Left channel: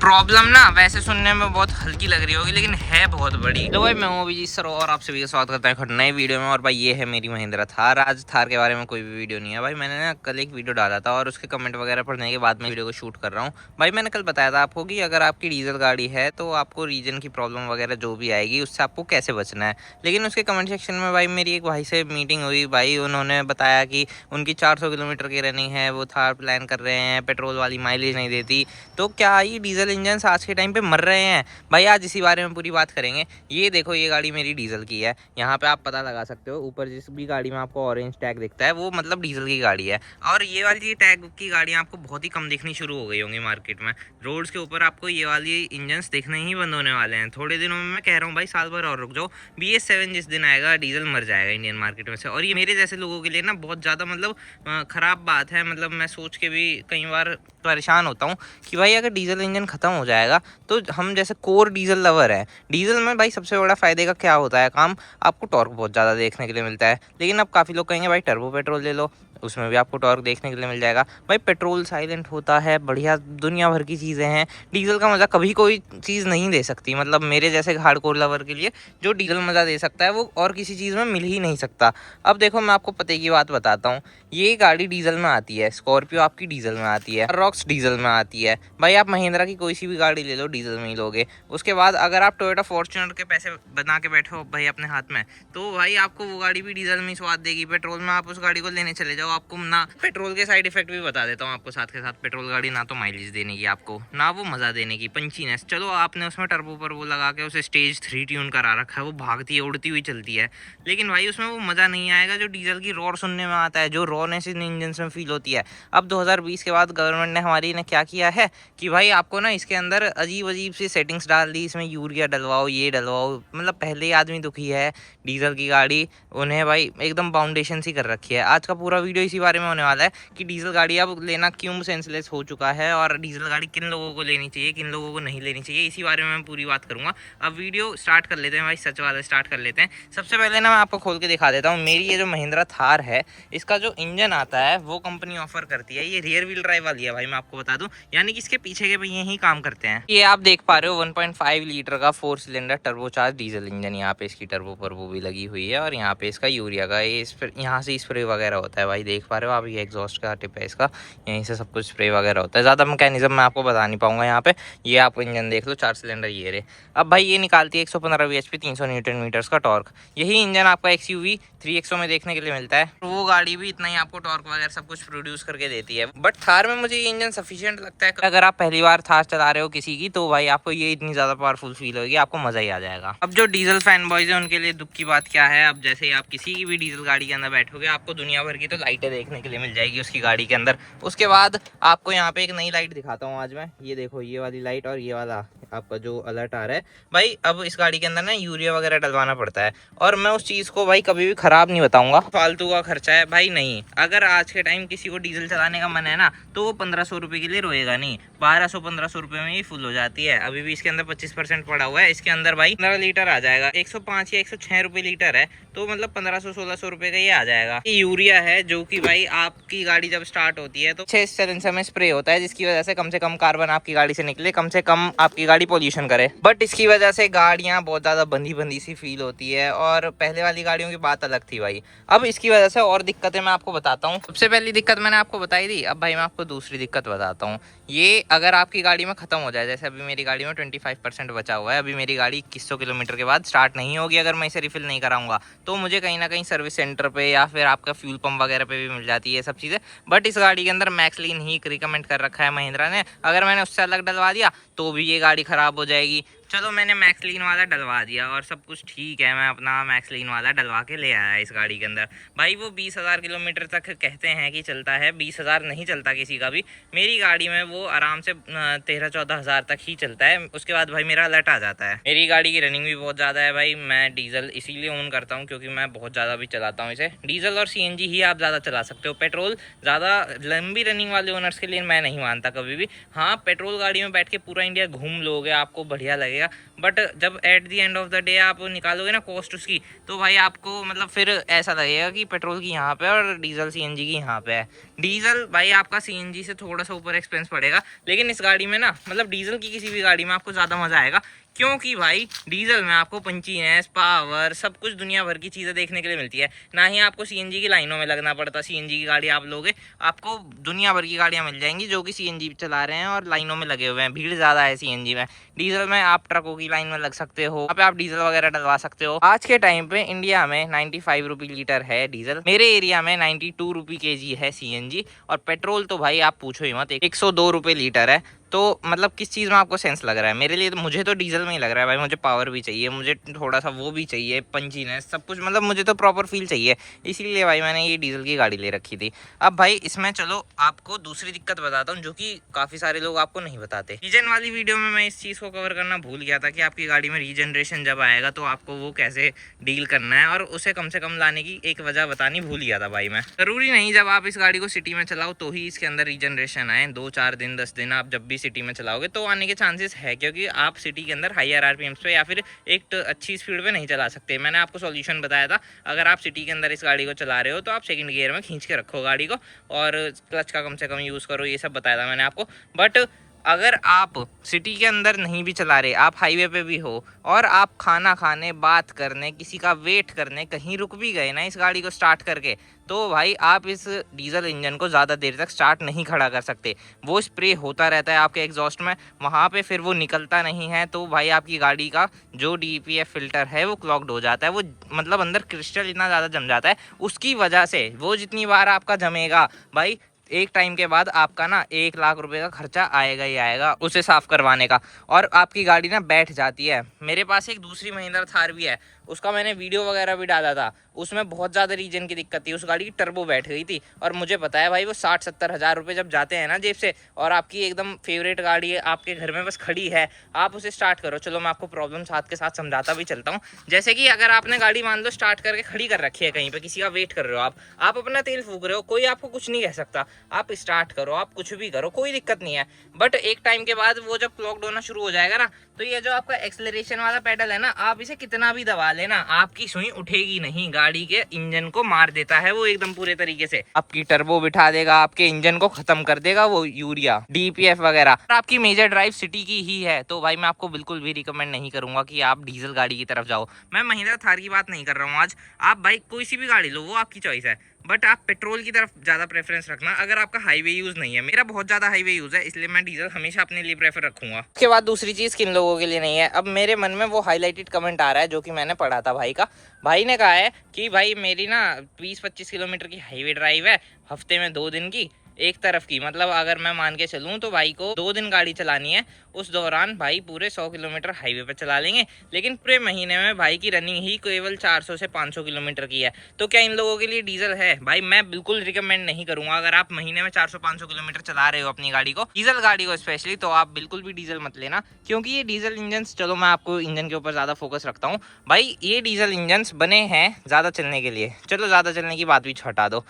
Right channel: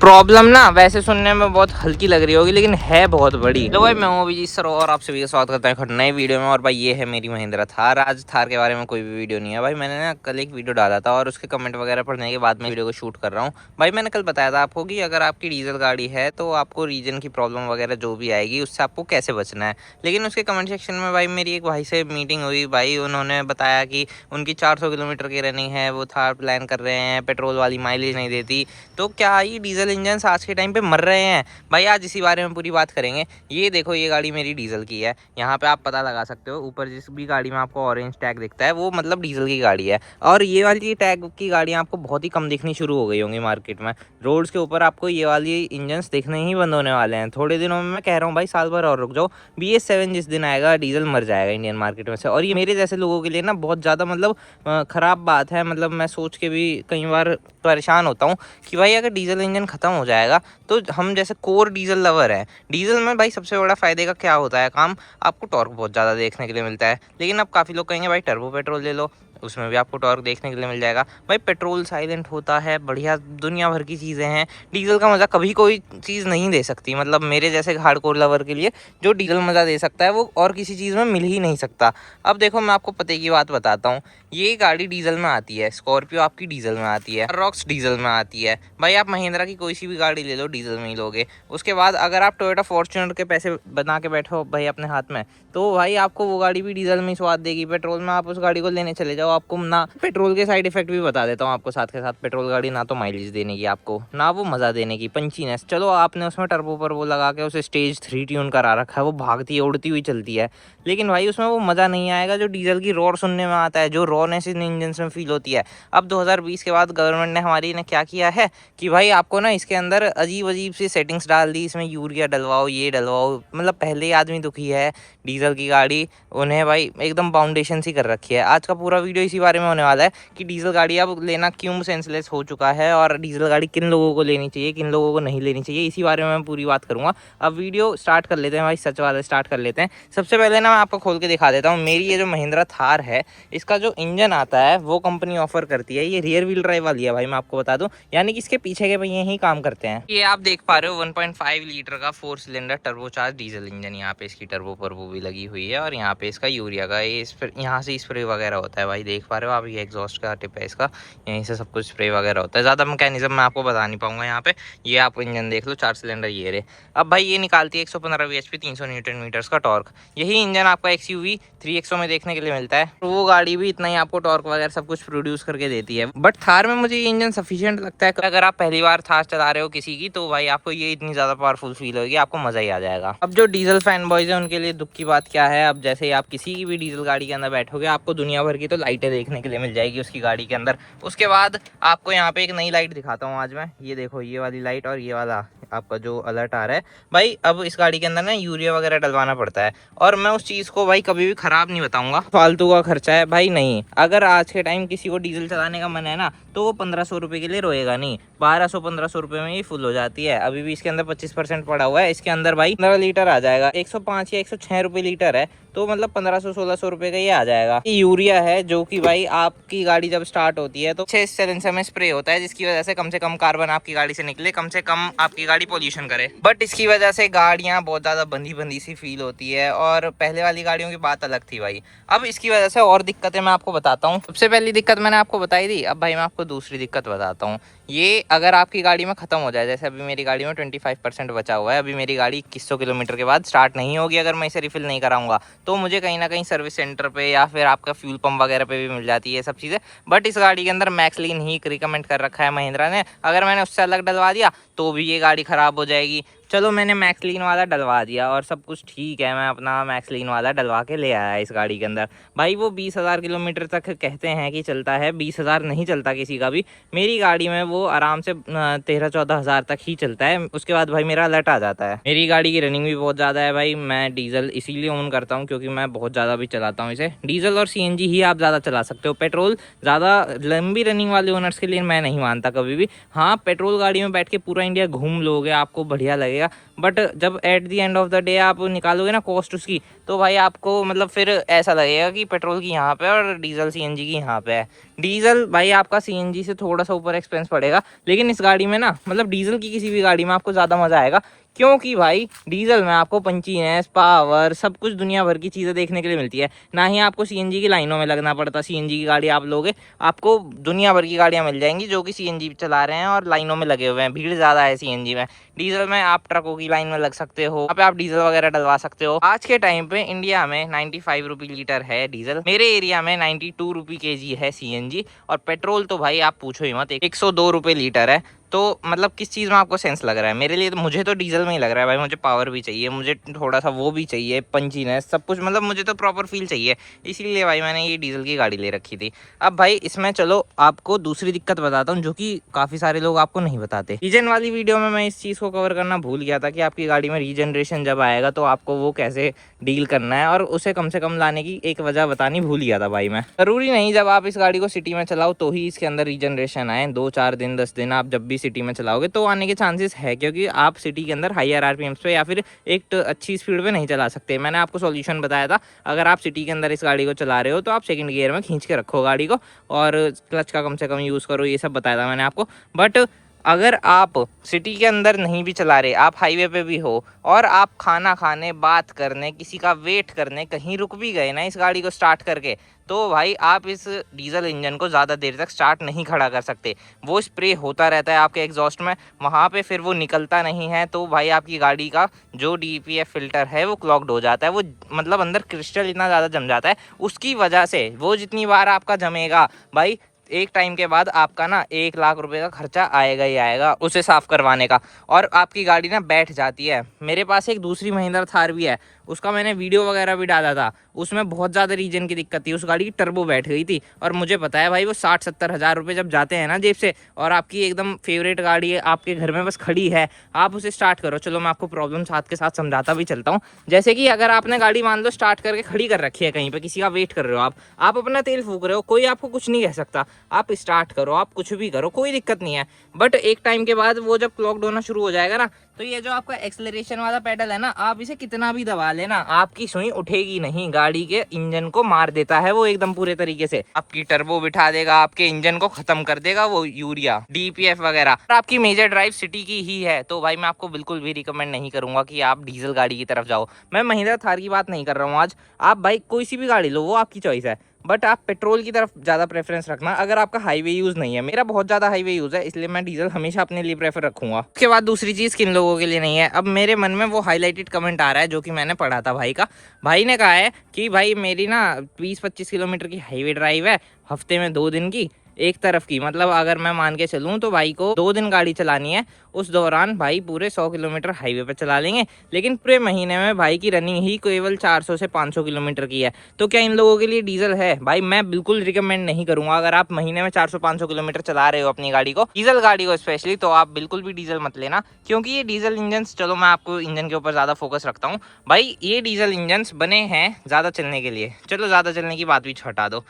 Problem ना वैसे सुनने में बहुत हल्की लग रही होगी लेकिन है बहुत बड़ी। तो भाई मैं हूँ अभिजीत सर और आप सभी का स्वागत करता है नए वीडियो में। और भाई ये है मेरी महिंद्रा थार। आज थार के बारे में कोई भी वीडियो नहीं है भाई, मैंने ना कल एक वीडियो डाला था और उसके कमेंट वगैरह पढ़ने के बाद में वीडियो को शूट कर रहा हूँ। भाई मैंने कल बताया था आपको कि अगर आपकी डीजल गाड़ी है तो आपको रीजन की प्रॉब्लम वगैरह जो भी आएगी उससे आपको कैसे बचना है। लेकिन उसके कमेंट सेक्शन में भाई मेरी एक भाई से मीटिंग हुई, भाई उन्होंने बताया कि उनकी 400 किलोमीटर की रनिंग है, वो थार प्लान कर रहे हैं, पेट्रोल वाली माइलेज नहीं देती। तो क्या ये डीजल इंजन आज के टाइम पे मर रहे हैं? भाई आज इसी बारे में पूरी बात करेंगे। ये देखो ये गाड़ी मेरी डीजल की है, यहाँ पे आप पता लगा सकते हो। ऊपर जिस भी गाड़ी में आपको ऑरेंज टैग दिखता है वो मतलब डीजल की गाड़ी है। और ये वाली टैग की गाड़ियाँ आपको बहुत ही कम दिखनी शुरू हो गई होंगी मार्केट में। रोड्स के ऊपर आपको ये वाली इंजन दिखने ही बंद होने वाले हैं थोड़े दिनों में। मैं कह रहा हूँ भाई साल भर और रुक जाओ, BS7 जिस दिन आएगा डीजल मर जाएगा इंडियन मार्केट में से। और ये मेरे जैसे लोगों के लिए ना बहुत ज़्यादा मतलब ख़राब बात है। मतलब मैं सोच के भी कई बार परेशान होता हूँ कि भाई अगर डीजल इंजन ख़त्म हो जाएगा तो हम जैसे कोर डीजल लवर है, डीजल में भाई सबसे बड़ा फ़ायदे का क्या होता है काम, आपको टॉर्क बहुत ज़्यादा देखने के लिए मिलता है। लेकिन अब काफ़ी लोग कहेंगे भाई टर्बो पेट्रोल ले लो, उसमें भी आपको टॉर्क देखने के लिए मिल जाएगा। भाई पेट्रोल साइलेंट होता है, बढ़िया दुनिया भर की चीज़ें हैं। डीजल का मज़ा कभी कोई चीज़ नहीं दे सकती। मतलब मेरे जैसे हार्डकोर लवर के लिए जो डीजल मज़ा दे सकता है वो और किसी चीज़ में मिल ही नहीं सकता। अब देखो मैं आपको पते की बात बताता हूँ। ये गाड़ी डीजल में आती है, स्कॉर्पियो आपकी डीजल में आती है, रॉक्स डीजल में आती है। भाई आप महिंद्रा की कोई सी भी गाड़ी ले लो डीजल में ही लोगे। उसके बाद अगर आप टोयोटा फॉर्च्यूनर के पैसे बना के बैठो भाई अपने हाथ में, तो भाई आपको वो गाड़ी भी डीजल में ही स्वाद देगी। पेट्रोल में आप उस गाड़ी को लेने चले जाओ, आपको ना पेट्रोल के साइड इफेक्ट भी बता देता हूँ आपको साथ के साथ। पेट्रोल गाड़ी ना तो माइलेज देने की आपको, ना वो मज़ा देने की, पंचीनेस। चलो आपने उसमें टर्बो पर वो लगा के उसे स्टेज 3 ट्यून करा रखा है, वो भागती है उड़ती हुई चलती है, लेकिन भाई उसमें वो मज़ा नहीं आएगा जो डीजल की रॉर सुनने में आता है, जो रॉनेस इन इंजन में फील होती है। अब 2020 के बाद गवर्नमेंट ने हमारी ने क्या किया है कि भाई आपको ना इसके अंदर अजीब अजीब सी सेटिंग्स डाल दी। इसमें यूरिया डलवाओ, ये डलवाओ। मतलब पहले ही आदमी दुखी है डीजल की गाड़ी, उन्हें भाई एकदम बाउंडेशन सी कर रखी है। आज का पूरा वीडियो इसी बारे में होने वाला है कि डीजल गाड़ी अब लेना क्यों सेंसलेस हो चुका है और डीजल गाड़ी किन लोगों को लेनी चाहिए, किन लोगों को नहीं लेनी चाहिए। इसी बारे में मैं पूरी बात करूँगा। अब वीडियो स्टार्ट कर लेते हैं भाई, सच वाला स्टार्ट कर लेते हैं। सबसे पहले ना मैं आपको खोल के दिखा देता हूँ मेरी ये जो महिंद्रा थार है, इसका जो इंजन आता है वो कंपनी ऑफर करती है। ये रियर व्हील ड्राइव वाली है भाई, मैं आपको बता दूं, यानी कि इसके पीछे के पहिए ही काम करते हैं। ये आप देख पा रहे हो 1.5 लीटर का 4 सिलेंडर टर्बोचार्ज डीजल इंजन। यहाँ पे इसकी टर्बो पर्बो भी लगी हुई है और यहाँ पे इसका यूरिया का ये यहाँ से स्प्रे वगैरह होता है भाई, देख पा रहे हो आप। ये एग्जॉस्ट का टिप है इसका, यहीं से सब कुछ स्प्रे वगैरह होता है। ज़्यादा मैकेनिज्म मैं आपको बता नहीं पाऊंगा यहाँ पे। ये आप इंजन देख लो, 4 सिलेंडर ये रहे। अब भाई ये निकालती है 115 bhp 300 न्यूटन मीटर्स का टॉर्क। यही इंजन आपका XUV 3XO में देखने के लिए मिलता है। तो वो गाड़ी भी इतना ही आपको टॉर्क वगैरह सब कुछ प्रोड्यूस करके देती है। बट थार में मुझे ये इंजन सफिशिएंट लगता है। अगर आप पहली बार थार चला रहे हो किसी की, तो भाई आपको ये इतनी ज़्यादा पावरफुल फील होगी, आपको मज़ा ही आ जाएगा। अब जो डीजल फैन बॉयज है उनके लिए दुख की बात क्या है, अब जैसे ही आप किसी की भी डीजल गाड़ी के अंदर बैठोगे आपको दुनिया भर की तो लाइटें देखने के लिए मिल जाएगी उसकी गाड़ी के अंदर। उसके बाद आपको यहाँ पे एक नई लाइट दिखाता हूँ आज मैं। ये देखो ये वाली लाइट और ये वाला आपका जो अलर्ट आ रहा है भाई। अब इस गाड़ी के अंदर ना यूरिया वगैरह डलवाना पड़ता है और मैं उस चीज़ को भाई कभी भी ख़राब नहीं बताऊंगा, फालतू का खर्चा है भाई। नहीं, अगर आज के टाइम किसी को डीजल चलाने का मन है ना तो वो 1500 रुपये के लिए रोएगा नहीं, 1200-1500 रुपये में ही फुल हो जाती है। अभी भी इसके अंदर 25% पड़ा हुआ है। इसके अंदर भाई 15 लीटर आ जाएगा, 105 या 106 रुपये लीटर है, तो मतलब 1500-1600 रुपये का ये आ जाएगा। ये यूरिया है जो कि भाई आपकी गाड़ी जब स्टार्ट होती है तो 6 सिलेंसर में स्प्रे होता है, जिसकी वजह से कम कार्बन आपकी गाड़ी से निकले, कम से कम आपकी गाड़ी पोल्यूशन करे। बट इसकी वजह से गाड़ियाँ बहुत ज़्यादा बंधी बंधी सी फील होती है और पहले वाली गाड़ियों की बात अलग थी भाई। अब इसकी वजह से और दिक्कतें मैं आपको बताता हूँ। सबसे पहली दिक्कत मैंने आपको बताई दी, अब भाई मैं आपको दूसरी दिक्कत बताता हूँ। ये अगर आपकी गाड़ी में ख़त्म हो जाए, जैसे अभी मेरी गाड़ी में 25% बचा हुआ है, अभी मेरी गाड़ी 2100 किलोमीटर के बाद स्टार्ट नहीं होगी अगर मैं इसे रिफिल नहीं कराऊंगा, तो मुझे कहीं ना कहीं सर्विस सेंटर पे या फिर आपका फ्यूल पंप वगैरह पे भी मिल जाती है सब चीज़ें। बट इस गाड़ी के अंदर मैक्सलीन ही रिकमेंड कर रखा है महिंद्रा ने, अगर मैंने उससे अलग डलवा दिया तो भी ये गाड़ी ख़राब हो जाएगी। चलो मैंने मैक्सलीन वाला डलवा दिया और सब कुछ ठीक है, मैं अपना मैक्सलीन वाला डलवा के ले आया इस गाड़ी के अंदर। भाई वो 20,000 किलोमीटर तक कहते हैं कि चलता है, 20,000 नहीं चलता किसी का भी। मेरी गाड़ी में वो आराम से 13-14 हज़ार तक ही चलता है, उसके बाद भाई मेरा अलर्ट आ जाता है। मेरी गाड़ी की रनिंग भी बहुत ज़्यादा है भाई। मैं डीजल इसीलिए ऑन करता हूँ क्योंकि मैं बहुत ज़्यादा भी चलाता हूँ इसे। डीजल और CNG ही आप ज़्यादा चला सकते हो, पेट्रोल ज़्यादा लंबी रनिंग वाले ओनर्स के लिए मैं नहीं मानता कभी भी। हाँ, पेट्रोल गाड़ी में बैठ के पूरा इंडिया घूम लोगे, आपको बढ़िया लगेगा, लगेगा, बट जब at the end of the day आप निकालोगे ना कॉस्ट उसकी, तो भाई आपको मतलब फिर ऐसा लगेगा कि पेट्रोल की यहाँ पे और डीजल सीएनजी की यहाँ पे है। डीजल भाई आपका सीएनजी से थोड़ा सा ऊपर एक्सपेंस पड़ेगा, लेकिन इस गाड़ी में ना मतलब डीजल की किसी भी गाड़ी में आपको ज़्यादा मज़ा आएगा, क्योंकि भाई डीजल में आपको पंचीनेस, पावर, सब कुछ दुनिया भर की चीज़ें देखने के लिए मिलती है। ना ही आपको सीएनजी की लाइनों में लगना पड़ता। सीएनजी की गाड़ी आप लोगे, आपको दुनिया भर की गाड़ियाँ मिल जाएंगी जो कि सीएनजी चला रहे हैं और लाइनों में लगे हुए हैं, भीड़ ज़्यादा है सीएनजी में। डीजल में आप ट्रकों की लाइन में लग सकते हो, वहाँ पे आप डीजल वगैरह डलवा सकते हो। आज के टाइम पे इंडिया में 95 रुपये लीटर है डीजल, मेरे एरिया में 92 रुपये केजी है सीएनजी, और पेट्रोल तो भाई आप पूछो ही मत, 102 रुपये लीटर है। तो मतलब किस चीज़ में आपको सेंस लग रहा है? मेरे लिए तो, मुझे तो डीजल में ही लग रहा है भाई, मुझे पावर भी चाहिए, मुझे थोड़ा सा वो भी चाहिए, पंचीनेस, सब कुछ, मतलब मुझे तो प्रॉपर फील चाहिए, इसीलिए भाई मैंने ये डीजल की गाड़ी ले रखी थी। अब भाई इसमें चलो आपको दूसरी दिक्कत बताता हूँ जो कि काफ़ी सारे लोग आपको नहीं बताते। रीजन वाली वीडियो में मैं इस चीज़ को कवर करना भूल गया था कि आपकी गाड़ी में रीजनरेशन जब आएगा तो आपको वो कैसे डील करना है, और उसे कम से कम लाने की एक वजह बतानी भूल गया था भाई मैं। ज़रूरी नहीं जब आप इस गाड़ी को सिटी में चलाओ तो ही इसके अंदर रीजनरेशन आए, 2-4 दिन 10 दिन आप जब भी सिटी में चलाओगे तो आने के चांसेस है, क्योंकि आप सिटी के अंदर हायर आरपीएम्स पे या फिर एक अच्छी स्पीड पे नहीं चला सकते। मैंने आपको सॉल्यूशन बताया था, अगर आप सिटी के अंदर इस गाड़ी को चला रहे हो तो आप सेकंड गियर में खींच के रखो गाड़ी को, और क्लच का कम से कम यूज़ करो, ये सब बताया था मैंने आपको। बट अगर आप सिटी के अंदर नहीं भी चला रहे, आप हाईवे पे भी हो और आप खाना खाने, बात करने, किसी का वेट करने कहीं रुक भी गए ना इस गाड़ी को स्टार्ट करके, तो भाई आप इस डीजल इंजन को ज़्यादा देर तक स्टार्ट नहीं खड़ा कर सकते। वो स्प्रे होता रहता है आपके एग्जॉस्ट में, वहाँ पे फिर वो निकलता नहीं है, तो भाई आपकी गाड़ी का जो डीपीएफ फिल्टर है वो क्लॉग्ड हो जाता है, वो मतलब अंदर क्रिस्टल इतना ज़्यादा जम जाता है, उसकी वजह से वो जितनी बार आपका जमेगा भाई, एक टाइम के बाद आपका ना 1 लाख रुपए का खर्चा आएगा ही आएगा उसे साफ़ करवाने का, और आपकी गाड़ी ना बैठ जाती है। मेरे पास एक दूसरी महिंद्रा थार भी है, उसका मैंने वीडियो वगैरह भी डाला था, उसमें बहुत ज़्यादा रीजन की दिक्कत थी, उस गाड़ी की टर्बो बैठ गई थी, और मुझे पता है भाई वो 60-70 हज़ार रुपये जब जाते हैं ना जेब से, और आपकी एकदम फेवरेट गाड़ी है आपके घर में बस खड़ी है, आप उसे स्टार्ट करो। चलो मैं आपको प्रॉब्लम साथ के साथ समझाता भी चलता हूँ। जैसे कि अगर आपने गाड़ी मान लो स्टार्ट करके खड़ी कर रखी है कहीं पर, किसी का वेट कर रहे हो, आप अपना तेल फूक रहे हो, कोई आपको कुछ नहीं कह सकता, आप स्टार्ट करो, आप कुछ भी करो, कोई दिक्कत नहीं है। बट एक टाइम के बाद वो जब क्लॉक्ड होना शुरू हो जाएगा ना, तो ये जो आपका एक्सेलरेशन वाला पेडल है ना, आप इसे कितना भी दबा लेना, आपकी सुई उठेगी नहीं, गाड़ी के इंजन को मार देता है वो एकदम पूरे तरीके से, आपकी टर्बो बिठा देगा, आपके इंजन को खत्म कर देगा वो यूरिया, डीपीएफ वगैरह। आपकी मेजर ड्राइव सिटी की ही है तो भाई मैं आपको बिल्कुल भी रिकमेंड नहीं करूंगा कि आप डीजल गाड़ी की तरफ जाओ। मैं महिंद्रा थार की बात नहीं कर रहा हूँ आज, आप भाई कोई सी भी गाड़ी लो, वो आपकी चॉइस है, बट आप पेट्रोल की तरफ ज़्यादा प्रेफरेंस रखना अगर आपका हाईवे यूज़ नहीं है। मेरा बहुत ज़्यादा हाईवे यूज़ है, इसलिए मैं डीजल हमेशा अपने लिए प्रेफर रखूंगा। उसके बाद दूसरी चीज़ किन लोगों के लिए नहीं है, अब मेरे मन में वो हाईलाइटेड कमेंट आ रहा है जो कि मैंने पढ़ा था भाई का। भाई ने कहा है कि भाई मेरी ना 20-25 किलोमीटर की हाईवे ड्राइव है, हफ्ते में 2 दिन की, एक तरफ की, मतलब अगर मैं मान के चलूँ तो भाई को 2 दिन गाड़ी चलानी है, उस दौरान भाई पूरे 100 किलोमीटर हाईवे पे चला लेंगे, लेकिन पूरे महीने में भाई की रनिंग ही केवल 400 से 500 किलोमीटर की है। तो क्या इन लोगों के लिए डीजल है? भाई मैं बिल्कुल रिकमेंड नहीं करूंगा। अगर आप महीने में 400-500 किलोमीटर चला रहे हो अपनी गाड़ी को, डीजल गाड़ी को स्पेशली, तो आप बिल्कुल भी डीजल मत लेना, क्योंकि ये डीजल इंजन, चलो मैं आपको इंजन के ऊपर ज़्यादा फोकस रखता हूँ भाई, ये डीजल इंजन बने हैं ज़्यादा चलने के लिए। चलो ज़्यादा चलने की बात भी हटा दो,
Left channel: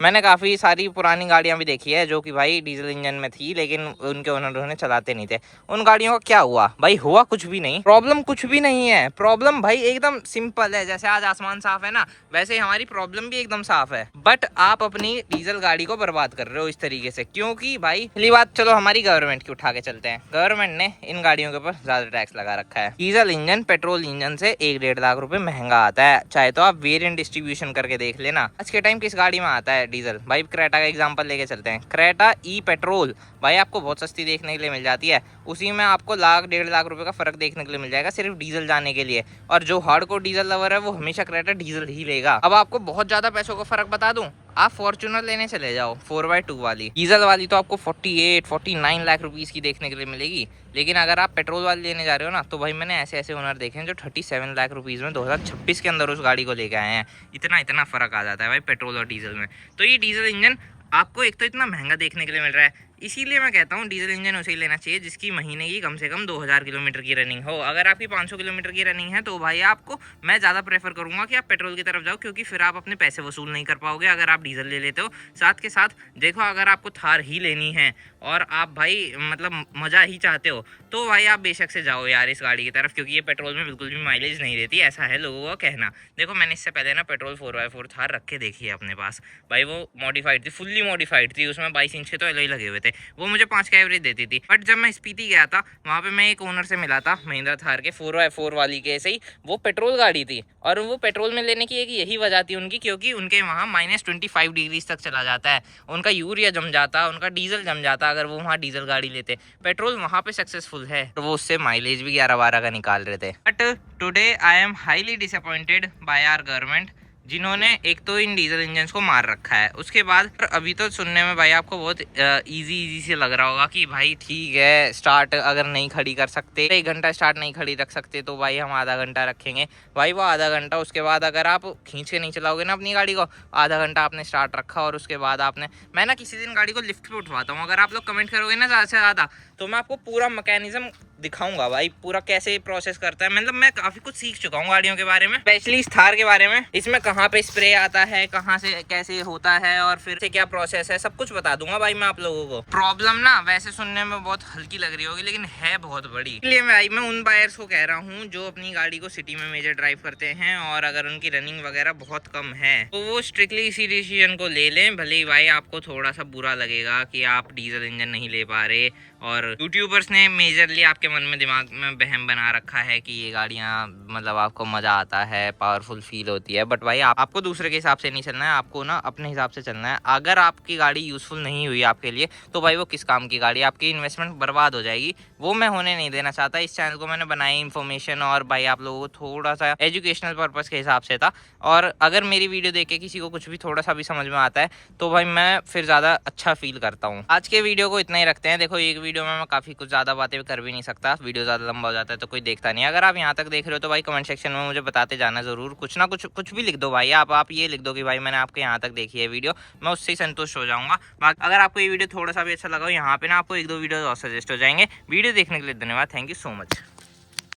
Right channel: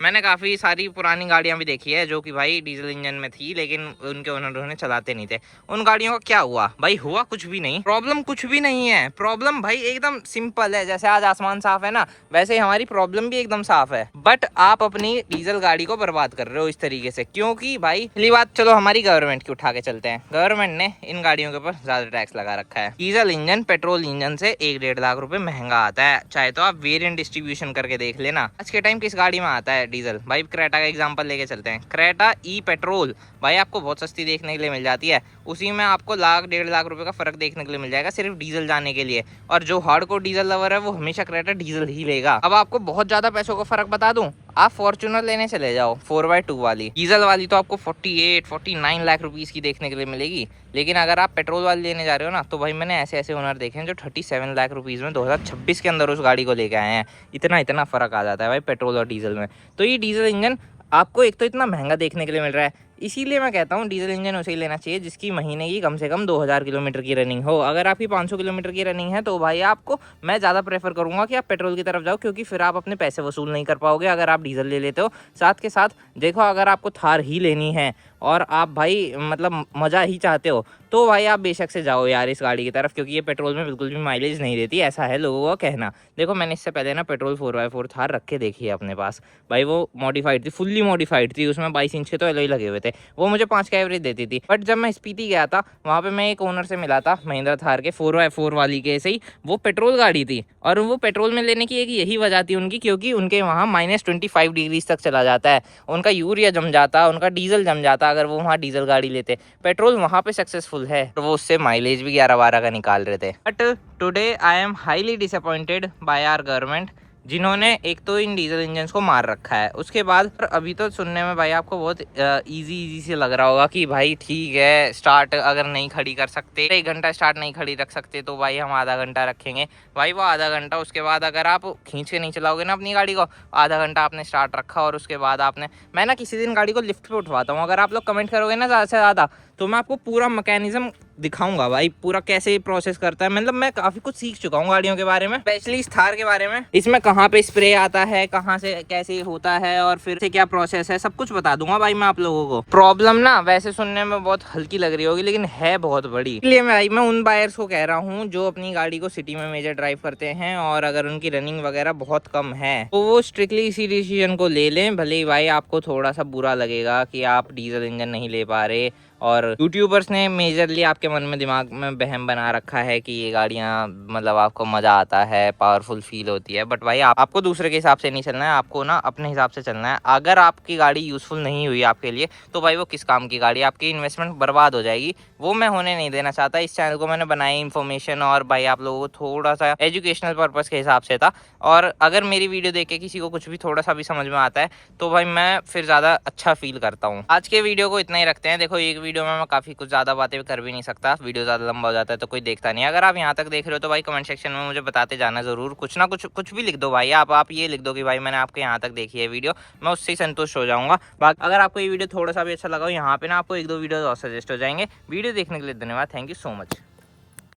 मैंने काफ़ी सारी पुरानी गाड़ियाँ भी देखी है जो कि भाई डीजल इंजन में थी, लेकिन उनके ओनर चलाते नहीं थे। उन गाड़ियों का क्या हुआ भाई? हुआ कुछ भी नहीं, प्रॉब्लम कुछ भी नहीं है। प्रॉब्लम भाई एकदम सिंपल है, जैसे आज आसमान साफ है ना, वैसे ही हमारी प्रॉब्लम भी एकदम साफ है, बट आप अपनी डीजल गाड़ी को बर्बाद कर रहे हो इस तरीके से। क्योंकि भाई पहली बात, चलो हमारी गवर्नमेंट की उठा के चलते हैं, गवर्नमेंट ने इन गाड़ियों के ऊपर ज़्यादा टैक्स लगा रखा है। डीजल इंजन पेट्रोल इंजन से 1-1.5 लाख रुपये महंगा आता है, चाहे तो आप वेरिएंट डिस्ट्रीब्यूशन करके देख लेना। आज के टाइम किस गाड़ी में आता है डीजल? भाई क्रेटा का एग्जांपल लेके चलते हैं, क्रेटा ई पेट्रोल भाई आपको बहुत सस्ती देखने के लिए मिल जाती है, उसी में आपको 1-1.5 लाख रुपए का फर्क देखने के लिए मिल जाएगा सिर्फ डीजल जाने के लिए। और जो हार्डकोर डीजल लवर है वो हमेशा क्रेटा डीजल ही लेगा। अब आपको बहुत ज्यादा पैसों का फर्क बता दूं, आप फॉर्च्यूनर लेने चले जाओ 4x2 वाली, डीजल वाली तो आपको 48-49 लाख रुपीस की देखने के लिए मिलेगी। लेकिन अगर आप पेट्रोल वाली लेने जा रहे हो ना, तो भाई मैंने ऐसे ऐसे ओनर देखे हैं जो 37 लाख रुपीज़ में 2026 के अंदर उस गाड़ी को लेके आए हैं। इतना फ़र्क आ जाता है भाई पेट्रोल और डीजल में। तो ये डीजल इंजन आपको एक तो इतना महंगा देखने के लिए मिल रहा है, इसीलिए मैं कहता हूँ डीजल इंजन उसे ही लेना चाहिए जिसकी महीने की कम से कम 2000 किलोमीटर की रनिंग हो। अगर आपकी 500 किलोमीटर की रनिंग है तो भाई आपको मैं ज़्यादा प्रेफर करूँगा कि आप पेट्रोल की तरफ जाओ, क्योंकि फिर आप अपने पैसे वसूल नहीं कर पाओगे अगर आप डीजल ले लेते हो। साथ के साथ देखो, अगर आपको थार ही लेनी है और आप भाई मतलब मज़ा ही चाहते हो, तो भाई आप बेशक से जाओ यार इस गाड़ी की तरफ, क्योंकि ये पेट्रोल में बिल्कुल भी माइलेज नहीं देती, ऐसा है लोगों का कहना। देखो मैंने इससे पहले ना पेट्रोल 4x4 थार रख के देखी है अपने पास भाई, वो मॉडिफाइड थी, फुल्ली मॉडिफाइड थी, उसमें 22 इंच के तो एलॉय लगे हुए थे, वो मुझे 5 का एवरेज देती थी। बट जब मैं स्पीति गया था वहाँ पे मैं एक ओनर से मिला था महिंद्रा थार के 4x4 वाली के, ऐसे ही वो पेट्रोल गाड़ी थी, और वो पेट्रोल में लेने की एक यही वजह थी उनकी, क्योंकि उनके वहाँ -25 डिग्री तक चला जाता है, उनका यूरिया जम जाता, उनका डीजल जम जाता अगर वो वहाँ डीजल गाड़ी लेते। पेट्रोल वहाँ पे सक्सेसफुल है, तो वो उससे माइलेज भी 11-12 का निकाल रहे थे। But today I am highly disappointed by our government, जिन्होंने एक तो इन डीजल इंजन को मार रखा है, उसके बाद अभी तो सुनने में भाई आपको बहुत इजी से लग रहा होगा कि भाई ठीक है स्टार्ट अगर नहीं खड़ी कर सकते, 1 घंटा स्टार्ट नहीं खड़ी रख सकते तो भाई हम आधा घंटा रखेंगे। भाई वो आधा घंटा, उसके बाद अगर आप खींच के नहीं चलाओगे ना अपनी गाड़ी को, आधा घंटा आपने स्टार्ट रखा और उसके बाद आपने, मैं ना किसी दिन गाड़ी को लिफ्ट पे उठवाता हूँ, अगर आप लोग कमेंट करोगे ना ज़्यादा से ज़्यादा तो मैं आपको पूरा मैकेनिज्म दिखाऊंगा भाई, पूरा कैसे प्रोसेस करता है। मतलब मैं काफ़ी कुछ सीख चुका हूँ गाड़ियों के बारे में, स्पेशली इस थार के बारे में, इसमें कहाँ पे स्प्रे आता है, कहाँ से कैसे होता है और फिर से क्या प्रोसेस है, सब कुछ बता दूंगा भाई मैं आप लोगों को। प्रॉब्लम ना वैसे सुनने में बहुत हल्की लग रही होगी लेकिन है बहुत बड़ी, इसलिए मैं उन बायर्स को कह रहा हूँ जो अपनी गाड़ी को सिटी में मेजर ड्राइव करते हैं और अगर उनकी रनिंग वगैरह बहुत कम है तो वो स्ट्रिक्टली इसी डिसीजन को ले लें। भले ही भाई आपको थोड़ा सा बुरा लगेगा कि आप डीजल इंजन नहीं ले पा रहे, और यूट्यूबर्स ने मेजरली आपके मन में दिमाग में वहम बना रखा है कि ये गाड़ियाँ मतलब आपको मज़ा आता है, पावरफुल फील होती है। बट भाई आपको दूसरे के हिसाब से नहीं चलना है, आपको ना अपने हिसाब से चलना है। अगर आपकी गाड़ी यूज़फुल नहीं हुई आपके लिए तो भाई वो किस काम की गाड़ी, आपकी इन्वेस्टमेंट बर्बाद हो जाएगी, वो मैं होने नहीं देना चाहता। इस चैनल को मैंने बनाई इन्फॉर्मेशन और भाई आप लोगों को थोड़ा सा एजुकेशनल पर्पज़ के हिसाब से था, और अगर मेरी वीडियो देख के किसी को कुछ भी थोड़ा सा भी समझ में आता है तो भाई मैं फिर ज़्यादा अच्छा फील करता हूँ। आज के वीडियो को इतना ही रखते हैं। देखो एक वीडियो में मैं काफ़ी कुछ ज़्यादा बातें कर भी नहीं सकता, वीडियो ज़्यादा लंबा हो जाता है तो कोई देखता नहीं। अगर आप यहाँ तक देख रहे हो तो भाई कमेंट सेक्शन में मुझे बताते जाना ज़रूर, कुछ ना कुछ भी लिख दो भाई, आप ये लिख दो कि भाई मैंने आपके यहाँ तक देखी है वीडियो, मैं उससे ही संतुष्ट हो जाऊँगा। बाकी अगर आपको ये वीडियो थोड़ा सा भी अच्छा लगा हो, यहाँ पे ना आपको 1-2 वीडियो और सजेस्ट हो जाएंगे। वीडियो देखने के लिए धन्यवाद, थैंक यू सो मच।